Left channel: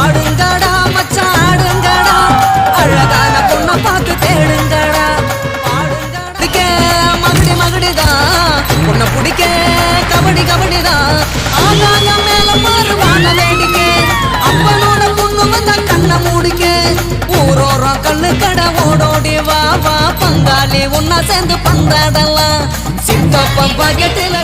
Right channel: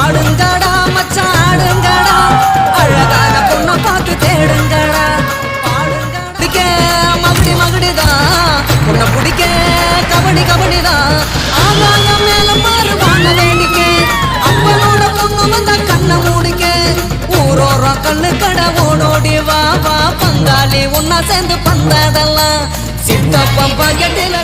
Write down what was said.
ஆடுங்கடா மச்சான் ஆடுங்கடா, அழகான பொண்ணை பார்த்து தேடுங்கடா. பாடுங்கடிக்க மகுடி மகுடிதான், பொண்ணை பிடிக்க கபடி கபடிதான். ஆகாயம் மேல மாறுவான வேடிக்கை, அப்பனோட பொண்ணு வந்த கண்ணை மூடிக்க. ஊரோரம் கண்ணு கடை ஓடோடி வா வா பங்காளி ஒன்னா சேர்ந்து பந்தாடலாம். சித்தப்பம் பாக்கெட்டில